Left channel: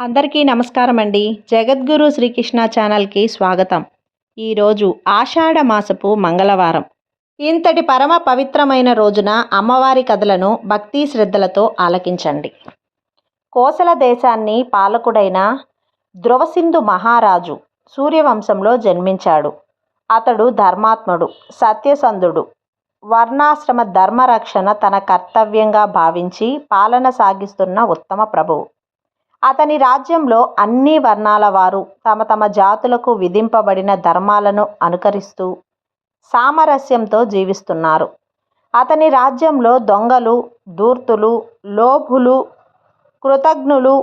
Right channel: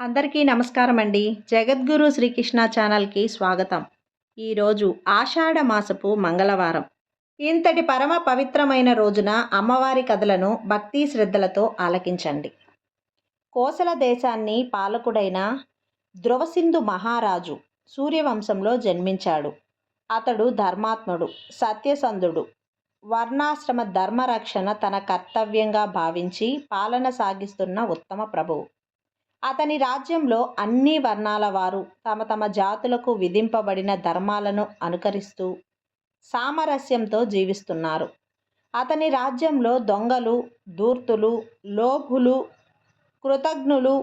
అందరికీ నమస్కారం అండి. జగద్గురు శ్రీకృష్ణ ఛానల్కి స్వాగతం. ఈరోజు ఆషాఢ మాసపు మంగళవారం. ఇంతటి పరమ పవిత్రమైన రోజున అమ్మవారి కథలను భక్తి శ్రద్ధలతో ఆలకించండి. కోసల దేశాన్ని పాలకుడైన ధ్రువసింధు మహారాజు సూర్యవంశంలో జన్మించాడు. అతడు ధర్మాత్ముడు, సత్యసంధుడు. వర్ణాశ్రమ ధర్మరక్షణ తన కర్తవ్యంగా భావించి పాలన సాగిస్తున్న ఉత్తమ ప్రభువు. అతని రాజ్యంలో అన్ని వర్ణాల వారు తమ తమ జాతులకు విధింపబడిన ధర్మాలను అనుకరిస్తూ సామరస్యంతో జీవిస్తున్నారు. అతని రాజ్యంలో దొంగలు, ధూర్తులు, లోభులు, కృతజ్ఞులు,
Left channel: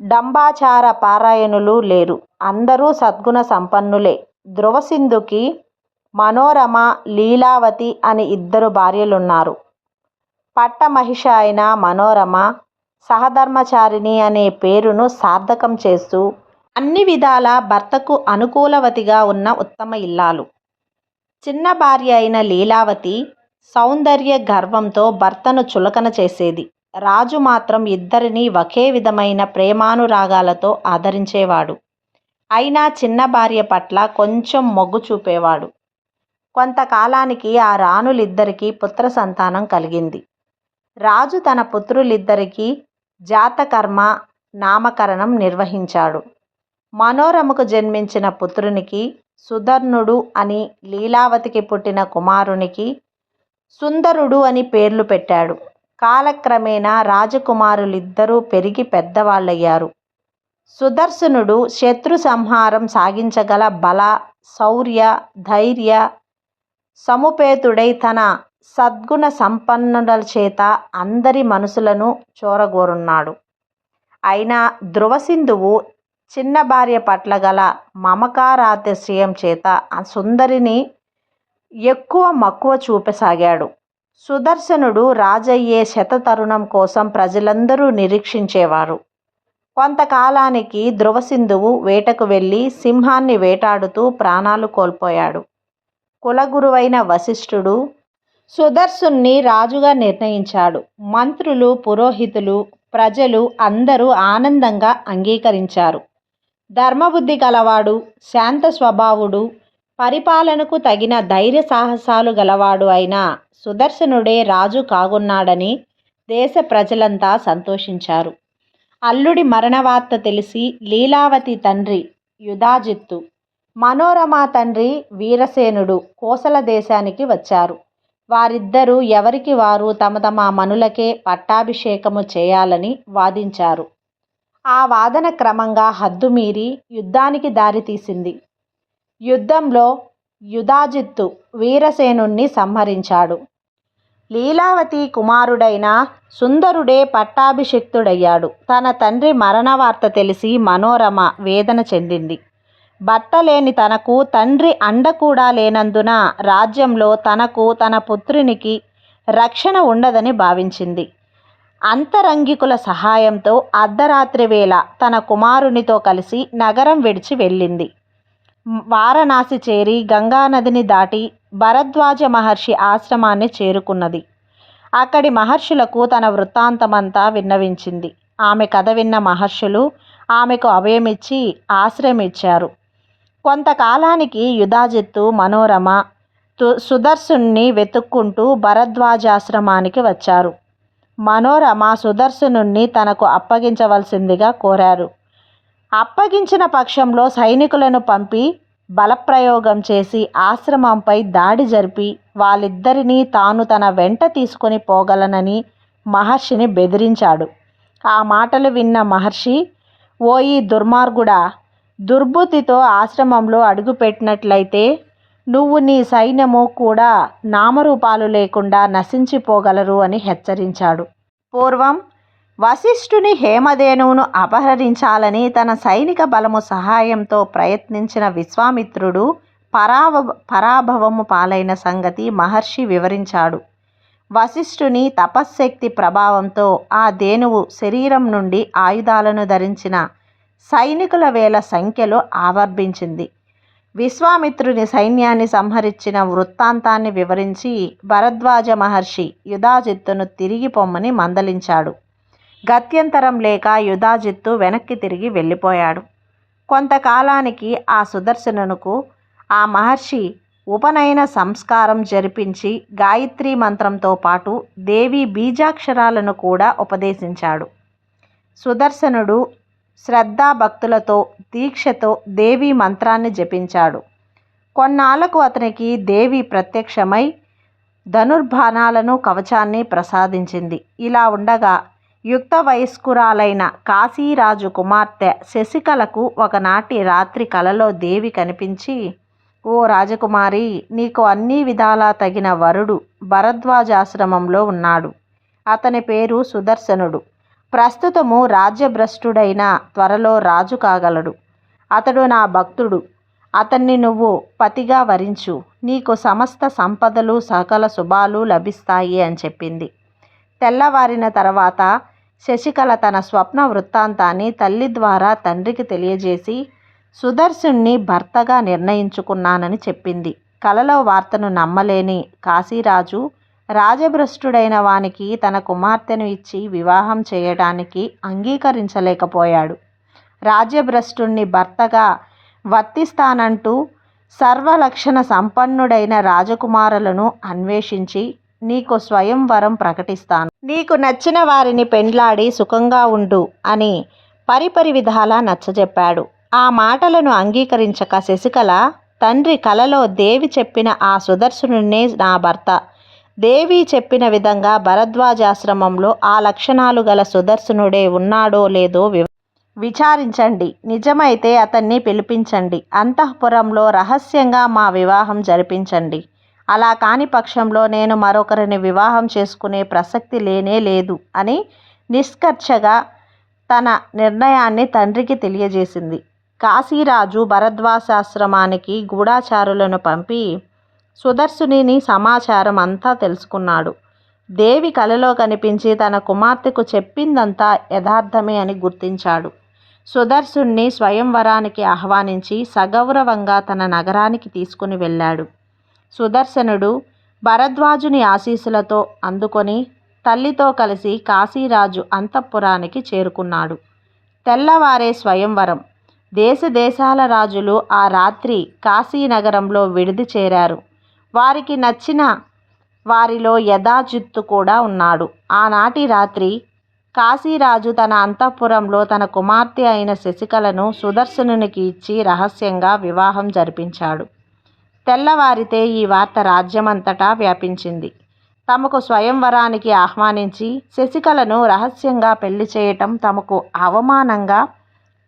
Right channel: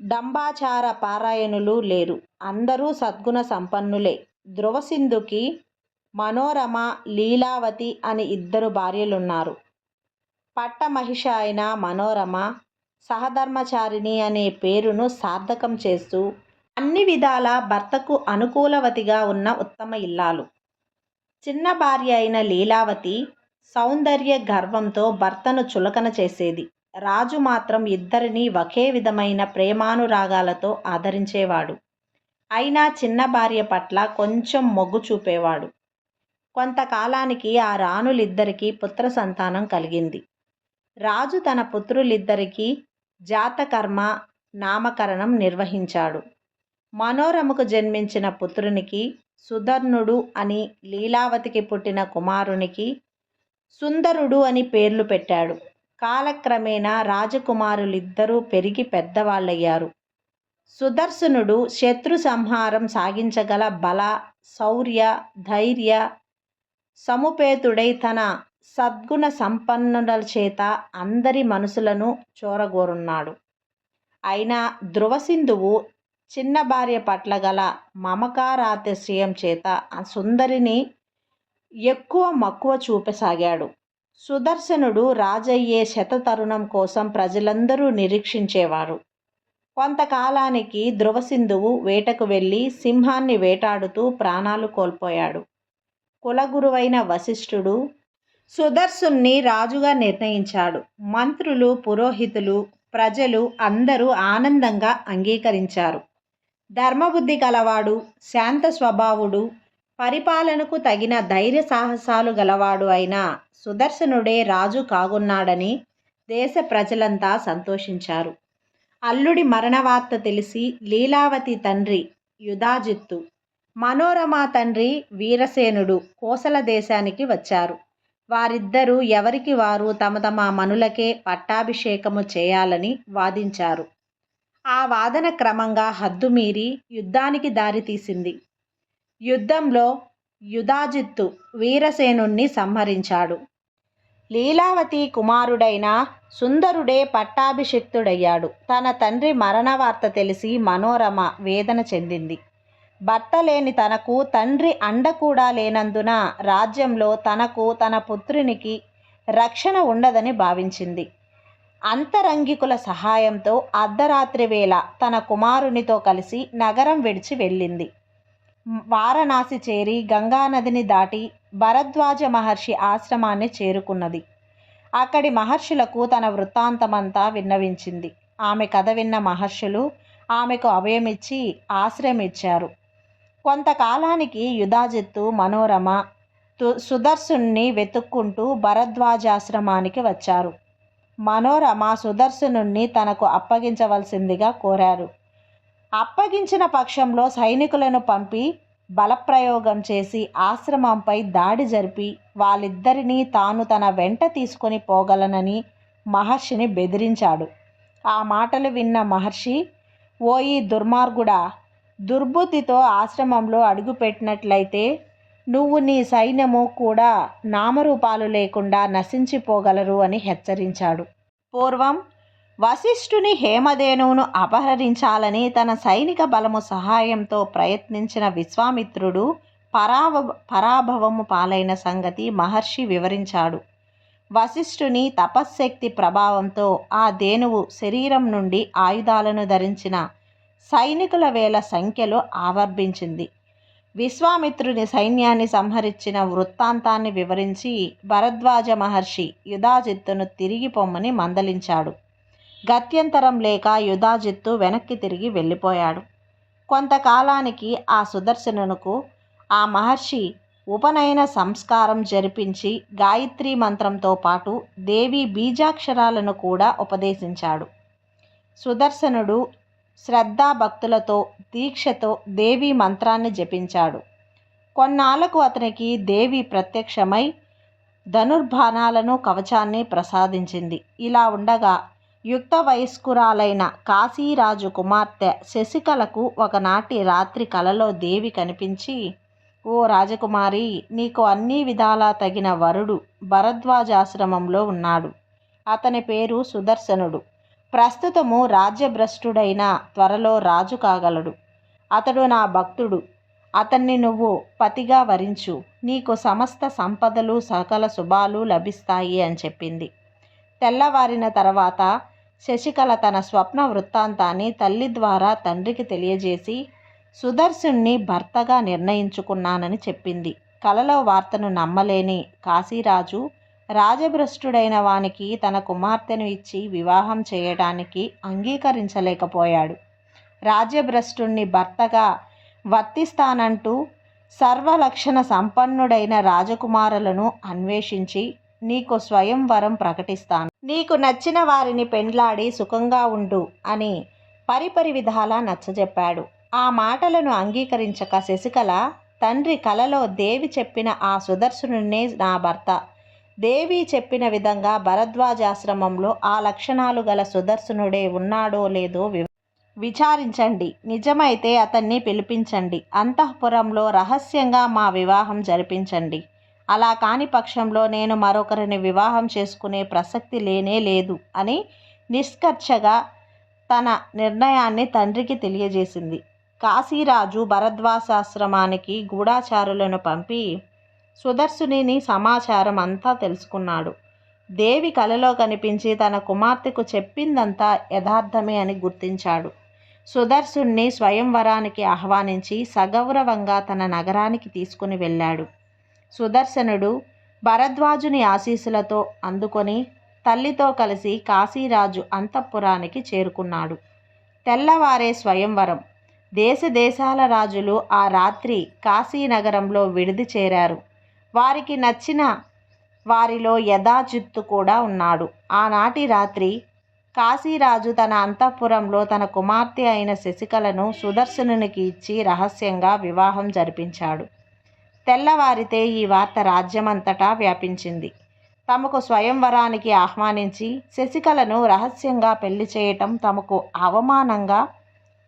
డంబాచార పారాయణులు లేరు. అందరూ సద్గుణ సంపన్నులే. ధ్రువసింధుకి మనోరమ, లీలావతి అని ఇద్దరు భార్యలున్నారు. పట్టమహిష అయిన మనోరమ సహధర్మచారిణి అనే పేరును సార్థకం చేస్తూ అన్ని విధాల భర్తకు అనుకూలవతిగా ఉన్న ఉత్తమ ఇల్లాలు. చిన్న భార్య అయిన లీలావతి సౌందర్య గర్వంతో భర్తను చులకన చేసేది. రాజు మాత్రం ఇద్దరిని ఒకే విధమైన ప్రేమానురాగాలతో ఆదరించేవాడు. అయినా చిన్న భార్య పట్ల కొంచెం మొగ్గు చూపేవాడు. కొంతకాలానికి ఆ రాణులిద్దరికీ పుత్ర సంతానం కలిగింది. రాజు తన పుత్రులిద్దరికీ జాతకర్మ, నామకరణం నిర్వహించాడు. మనోరమకు జన్మించిన పుత్రునికి సుధర్ణుడు అని, లీలావతికి పుట్టిన కుమారునికి సుందరుడు అని పేర్లు పెట్టాడు. కాలక్రమేణా రాజకుమారులిద్దరూ పెరిగి పెద్దవాళ్ళయ్యారు. సుదర్శనుడు శత్రు సంహారం సాగించగల బల, శౌర్య, ధైర్య సముపేతుడై తన సద్గుణ సంపన్నుల చేత అందరి మనసులను చూరగోరున్నాడు. అయినా ధ్రువసింధువు చిన్న భార్య పట్ల గల మమకారాతిశయం చేత ఆ సుందరిని ఎక్కువ మక్కువ చూపసాగాడు. సుదర్శనుడు రాజయ్యే శతతరుణం కోసం ప్రజలందరూ నిరీక్షించేవారు. కొంతకాలానికి ధ్రువసింధువు వేటకు వెళ్ళి సింహాన్ని వేటాడుతూ ప్రాణాలు కోల్పోయాడు. కులగురువైన వశిష్ఠుడు సుదర్శుణ్ణి రాజుగా నిర్ణయించాడు. మంత్రులు, పురోహితులు, ప్రజలు అందరూ ఆనందంగా అంగీకరించారు. ధర్మబుద్ధి గలవాడు, శాంత స్వభావుడు, పరిపాలనకు తగిన ధైర్య సాహసాలు గలవాడు అయిన సుదర్శనుడే రాజు కాగున్నాడని దేశ ప్రజలంతా సంతోషించారు. అల్లుడి మరణవార్త తెలిసి లీలావతి తండ్రి యుధాజిత్తు, మనోరమ తండ్రి వీరసేనుడు కోసల దేశానికి వచ్చారు. వారిద్దరూ ఎవరికి వారు తమ తమ మనులకే పట్టాభిషేకము చేయాలని వాదించారు. ఆ వాదన క్రమంగా హద్దుమీరి యుద్ధానికి దారితీసింది. యుద్ధంలో యుధాజిత్తు వీరసేనుణ్ణి సంహరించాడు. లీలావతి కుమారుడైన సుందరుడే పట్టాభిషిక్తుడయ్యాడు. తన తండ్రి మరణవార్త తెలిసి మనోరమ వేదన చెందింది. భర్త లేని తనకు తండ్రి అండ కూడా లేనందున రాజ్యంలో తనకు తన పుత్రునికి రక్షణ ఉండదని భావించింది. అంతరంగికుల సహాయంతో అర్ధరాత్రి వేళ తన కుమారునితో కలిసి నగరం విడిచి వెళ్ళింది. వారణాసి చేరి గంగానదిని దాటి భరద్వాజ మహర్షి ఆశ్రమాన్ని చేరుకున్నది. అక్కడి మహర్షులకు తన వృత్తాంతమంతా విన్నవించింది. ఆమె కథ విన్న మహర్షులు ఆమెకు అభయమిచ్చి ఆశ్రయం ఇచ్చారు. కొంతకాలానికి యుధాజిత్తు, మనోరమ సుదర్శుణ్ణి వెతుక్కుంటూ భరద్వాజాశ్రమానికి వచ్చారు. మనోరమ సుదర్శనుణ్ణి తనకు అప్పగించవలసిందిగా కోరారు. అప్పగించిన పక్షంలో సైనికులను పంపి బలప్రయోగం చేసి ఆశ్రమంపై దాడి జరిపి వాళ్ళిద్దరినీ తాను తన వెంట తీసుకొని పోగలనని మహర్షిని బెదిరించాడు. ఆ మాటలు విన్న మహర్షి, ఓయి దుర్మార్గుడా, దుర్బుద్ధితో ఆశ్రమంలో అడుగుపెట్టినట్లయితే నువ్వు నీ సైన్యము కూడా నామరూపాలు లేకుండా నశించిపోగలరు అని హెచ్చరించాడు. పూర్వం వశిష్ఠుని హేమధేనువును అపహరించాలని తన సైనిక బలము సహాయంతో ప్రయత్నించిన విశ్వామిత్రుడు పరాభవము పాలైన సంగతి మహర్షి వివరించాడు. వశిష్ఠుని తపశ్శక్తి ప్రభావంతో ఆ ధేనువు శరీరం నుండి ఆయుధాలను ధరించిన సైనికుల వేల సంఖ్యలో ఆవర్భించింది. విశ్వామిత్రుని సైన్యాన్ని సంహరించిన వృత్తాంతాన్ని వివరించి భరద్వాజ మహర్షి యుధాజిత్తును తిరిగి పొమ్మని మందలించాడు. గత్యంతరం లేక యుధాజిత్తు వెనక్కి తిరిగి వెళ్ళిపోయాడు. కొంతకాలానికి ఆ సుదర్శనునకు ఆ మహర్షి ఉపనయన సంస్కారం జరిపించి గాయత్రీ మంత్రంతో పాటు దేవి బీజాక్షరాలను కూడా ఉపదేశించాడు. సుదర్శనుడు శ్రద్ధాభక్తులతో దీక్షతో దేవీ మంత్రాన్ని జపించాడు. కొన్నాళ్లకు అతనికి దేవి ప్రత్యక్షమై ధనుర్బాణాలను కవచాన్ని ప్రసాదించింది. ఇలా ఉండగా యుక్త వయస్కురాలైన కాశీరాజు కుమార్తె శశికళకు ఒకనాటి రాత్రి కలలో దేవి కనిపించి, ఓ రాజకుమారి, నీకు అన్ని విధాలా తగిన వరుడు భరద్వాజాశ్రమంలో ఉన్నాడు. అతని పేరు సుదర్శనుడు. ప్రస్తుతము రాజ్యభ్రష్టుడైన త్వరలో రాజు కాగలడు. అతడు నా భక్తుడు. అతన్ని నువ్వు పతిగా వరించు. నీకు సమస్త సంపదలు సకల శుభాలు లభిస్తాయి అని చెప్పింది. తెల్లవారిన తర్వాత శశికళ తన స్వప్న వృత్తాంతాన్ని తల్లి ద్వారా తండ్రికి తెలియజేసి సుదర్శుణ్ణి భర్తగా నిర్ణయించుకున్నానని చెప్పింది. కలలో వార్తను నమ్మలేని కాశీరాజు రాజభ్రష్టుడైన వానికి తన కుమార్తెను ఇచ్చి వివాహం చేయడానికి అంగీకరించలేకపోయాడు. రాజ్యభ్రష్టుణ్ణి భర్తగా వర్తిస్తానంటూ సర్వలక్షణ సంపన్నుడైన రాజకుమారులను అన్వేషించి నీకు స్వయంవరం ప్రకటిస్తాను. నీకు నచ్చిన వారిని పెండ్లాడి సుఖంగా ఉండు అని పరిపరి విధాలా నచ్చజెప్పాడు. ఆ మాటలను అంగీకరించక శశికళ తండ్రి కలలో దేవి చెప్పిన ఆ సుదర్శనున్నే నా భర్త, దేవి చెప్పిన విధంగా భరద్వాజాశ్రమంలో ఆ లక్షణాలు గల సుదర్శనుడే ఉన్నాడో లేదో విచారించండి. నిజమైతే అతన్ని పిలిపించండి. అంతఃపురంలో రహస్యంగా మా వివాహం జరిపించండి. అలా కాని పక్షంలో నేను మరొకరిని వివాహం చేసుకునే ప్రసక్తి లేనే లేదు అని నిష్కర్షగా తన నిర్ణయాన్ని తండ్రికి తెలియజేసింది. కాశీరాజు భరద్వాజాశ్రమానికి గూఢచారులను పంపి సుదర్శుని సమాచారం అంతా తెలుసుకున్నాడు. దేవి కలలో కనిపించి తన కుమార్తెకు చెప్పిందంతా యథార్థమే అని గుర్తించాడు. సుదర్శుణ్ణి స్వయంవరానికి ఆహ్వానించి సగౌరవంగా తన నగరానికి తీసుకుని వెళ్ళాడు. సుదర్శనుడు భరద్వాజుని ఆశీస్సులతో అందుకొని తల్లితో కలిసి కాశీరాజు అంతఃపురానికి చేరుకున్నాడు. తెల్లవారే స్వయంవరం. దేశ దేశాల రాజులు ఆ రాత్రి కాశీనగరంలో విడిది చేరారు. వారికి నచ్చిన వారిలో యధాజిత్తు కూడా ఉన్నాడు. ఆనాటి రాత్రి కాశీరాజు తన అంతఃపురంలో తన కుమార్తె అయిన శశికళను సుదర్శనునికి ఇచ్చి రహస్యంగా వివాహం జరిపించాడు. తెల్లవారితే ఈ వార్త రాజ్యమంతటా వ్యాపించింది. తమకు స్వయంవరానికి ఆహ్వానించి శశికళను రహస్యంగా పెళ్లి చేయటం తమకు అవమానంగా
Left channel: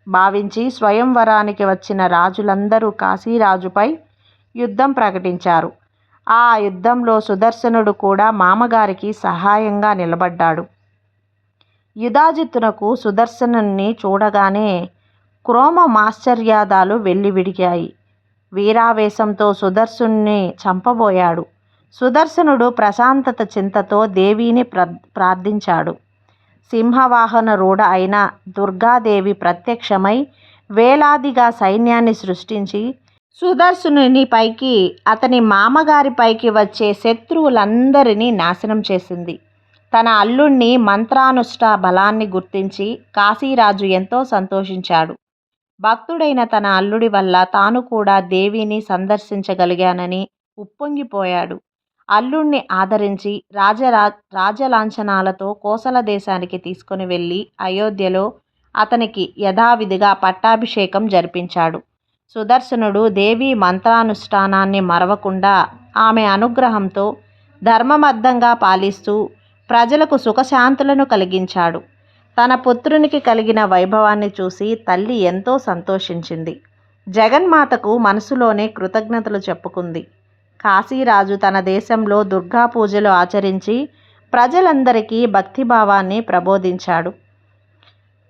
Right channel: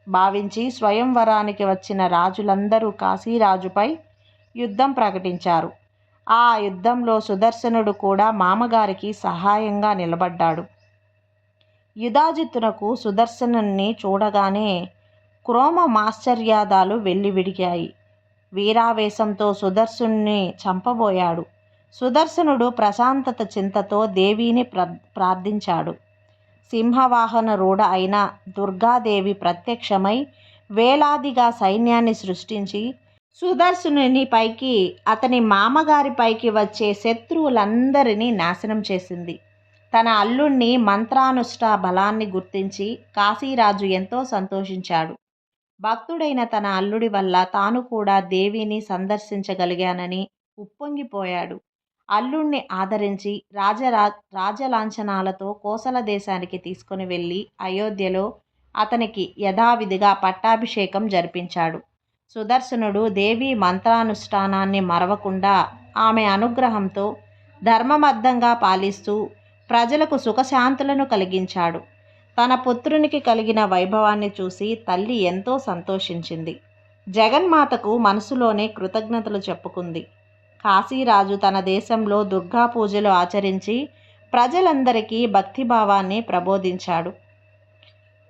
భావించి స్వయంవరానికి వచ్చిన రాజులందరూ కాశీరాజుపై యుద్ధం ప్రకటించారు. ఆ యుద్ధంలో సుదర్శనుడు కూడా మామగారికి సహాయంగా నిలబడ్డాడు. యుధాజిత్తునకు సుదర్శనుణ్ణి చూడగానే క్రోమమాశ్చర్యాదాలు వెల్లివిడిగాయి. వీరావేశంతో సుదర్శుణ్ణి చంపబోయాడు. సుదర్శనుడు ప్రశాంతత చింతతో దేవిని ప్రార్థించాడు. సింహవాహన రూఢ అయిన దుర్గాదేవి ప్రత్యక్షమై వేలాదిగా సైన్యాన్ని సృష్టించి సుదర్శనుని పైకి అతని మామగారి పైకి వచ్చే శత్రువులందరినీ నాశనం చేసింది. తన అల్లుణ్ణి మంత్రానుష్ఠ బలాన్ని గుర్తించి కాశీరాజు ఎంతో సంతోషించాడు. భక్తుడైన తన అల్లుడి వల్ల తాను కూడా దేవిని సందర్శించగలిగానని ఉప్పొంగిపోయాడు. అల్లుణ్ణి ఆదరించి రాజలాంఛనాలతో కోసల దేశానికి తీసుకుని వెళ్ళి అయోధ్యలో అతనికి యథావిధిగా పట్టాభిషేకం జరిపించాడు. సుదర్శనుడు దేవి మంత్రానుష్ఠానాన్ని మరవకుండా ఆమె అనుగ్రహంతో ధర్మబద్ధంగా పాలిస్తూ ప్రజలకు సుఖశాంతులను కలిగించాడు. తన పుత్రునికి కలిగిన వైభవాన్ని చూసి తల్లి ఎంతో సంతోషించింది. జగన్మాతకు మనసులోనే కృతజ్ఞతలు చెప్పుకుంది. కాశీరాజు తన దేశంలో దుర్గా పూజలు ఆచరించి ప్రజలందరికీ భక్తిభావాన్ని ప్రబోధించాడు.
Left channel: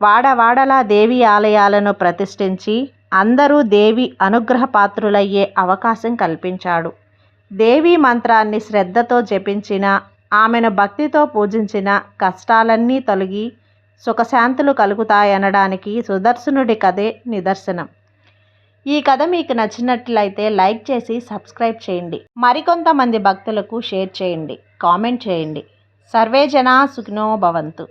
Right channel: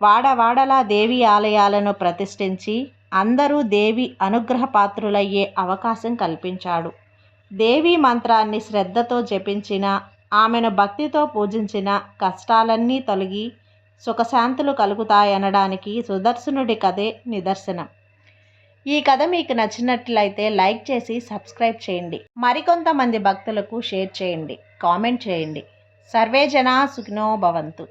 వాడవాడలా దేవి ఆలయాలను ప్రతిష్ఠించి అందరూ దేవి అనుగ్రహపాత్రులయ్యే అవకాశం కల్పించాడు. దేవి మంత్రాన్ని శ్రద్ధతో జపించిన, ఆమెను భక్తితో పూజించిన కష్టాలన్నీ తొలగి సుఖశాంతులు కలుగుతాయనడానికి సుదర్శనుడి కథే నిదర్శనం. ఈ కథ మీకు నచ్చినట్లయితే లైక్ చేసి సబ్స్క్రైబ్ చేయండి. మరికొంతమంది భక్తులకు షేర్ చేయండి, కామెంట్ చేయండి. సర్వే జనా సుఖినో భవంతు.